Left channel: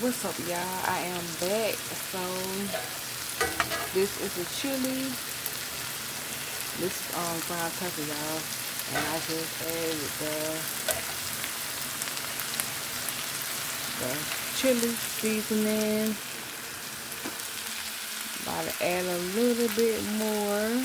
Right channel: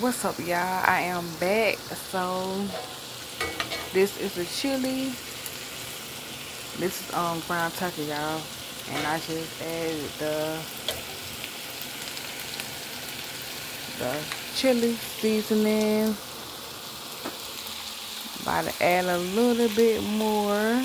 What's up, y'all? I am back. So this is the chili. This is ground turkey, y'all. And I just added the chili seasoning. About to add a little bit more.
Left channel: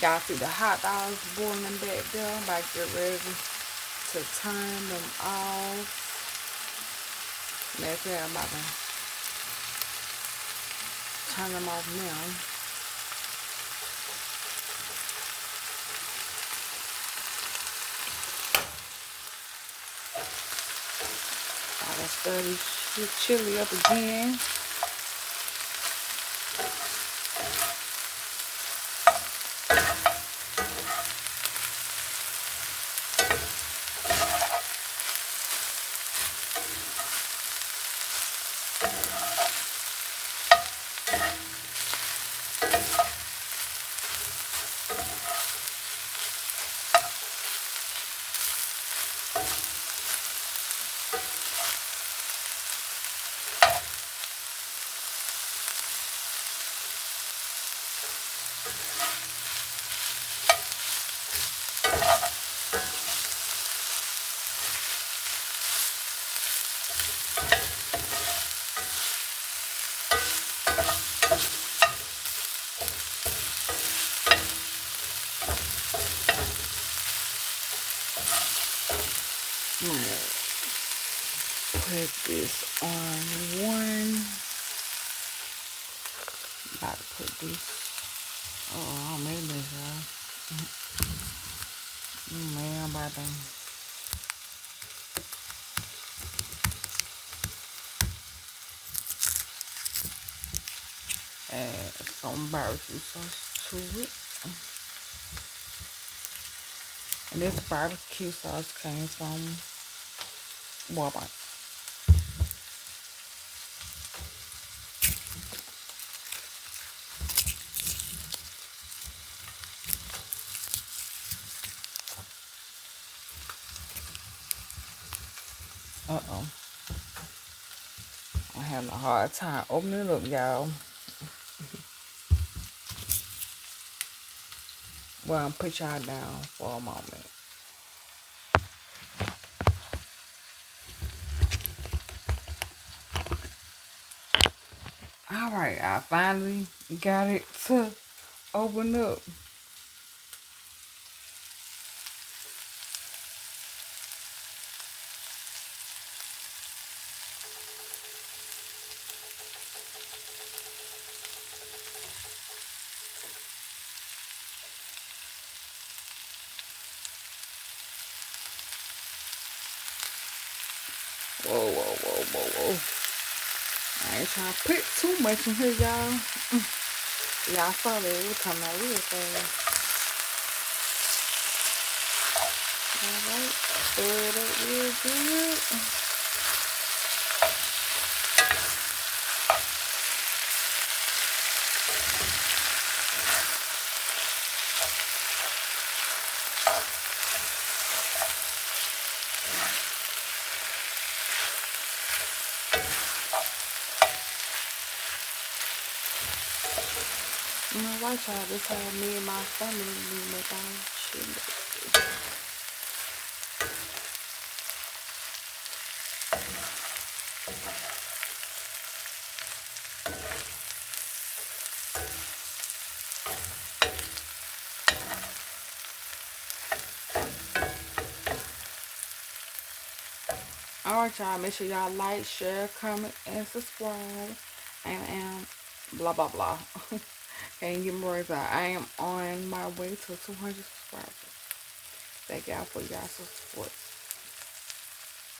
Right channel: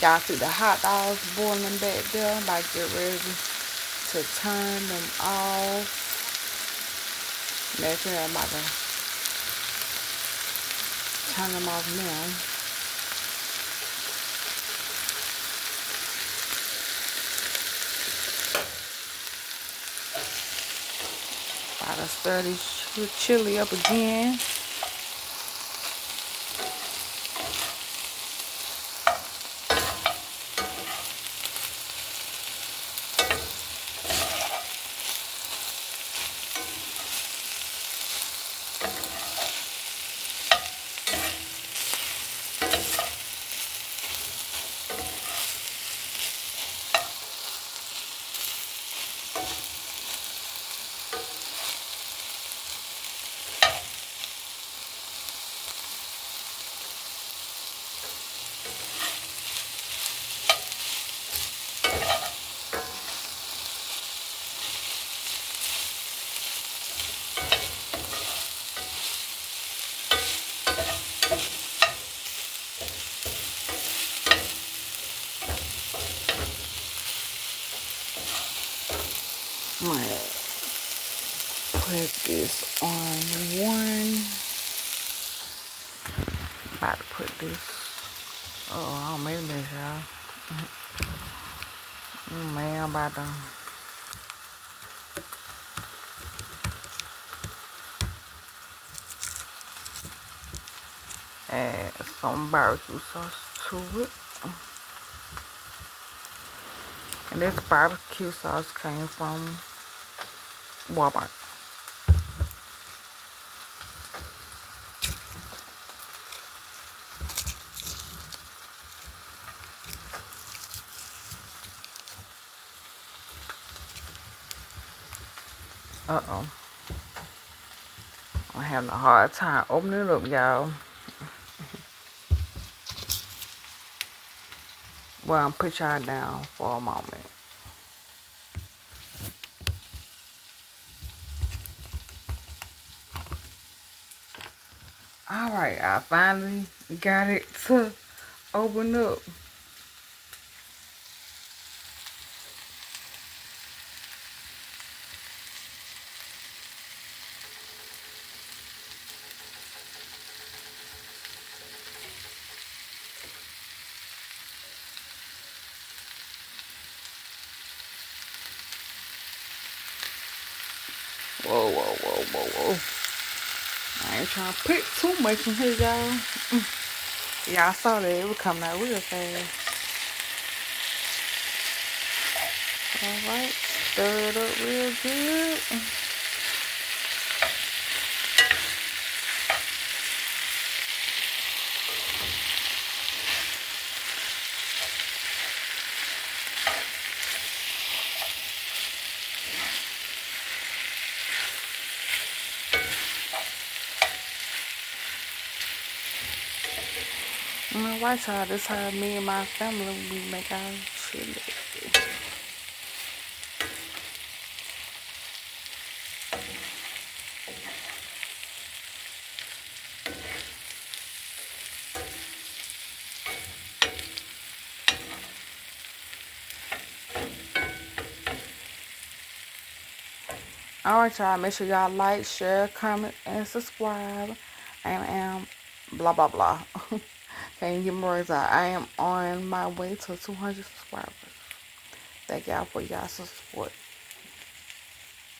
Y'all see the hot dogs boiling back there. I'm about to get ready to turn them off. Make sure I'm about to turn them off now. About to stir this chili up again. I'm gonna put this on one. About to put this. Oh, I don't made this, y'all. Man, I'm about to add some barbecue sauce to it. And this barbecue sauce came from Walmart. Uh-oh. I'm having a hard time opening it up, y'all. Well, I'm put y'all down for a moment. Alright, I finally got it to open up. Whoa, whoa, whoa, whoa, whoa. I ain't trying to put too much in here, y'all. Y'all saw that it was coming out real fast. Alright, stir it up real good. Alright, y'all, this how me and my family we make our chili. Alright, y'all, make sure y'all like, share, comment, and subscribe. I am blah blah blah. Can't get more words out. I am on my way to 200 subscribers. Thank y'all for y'all support.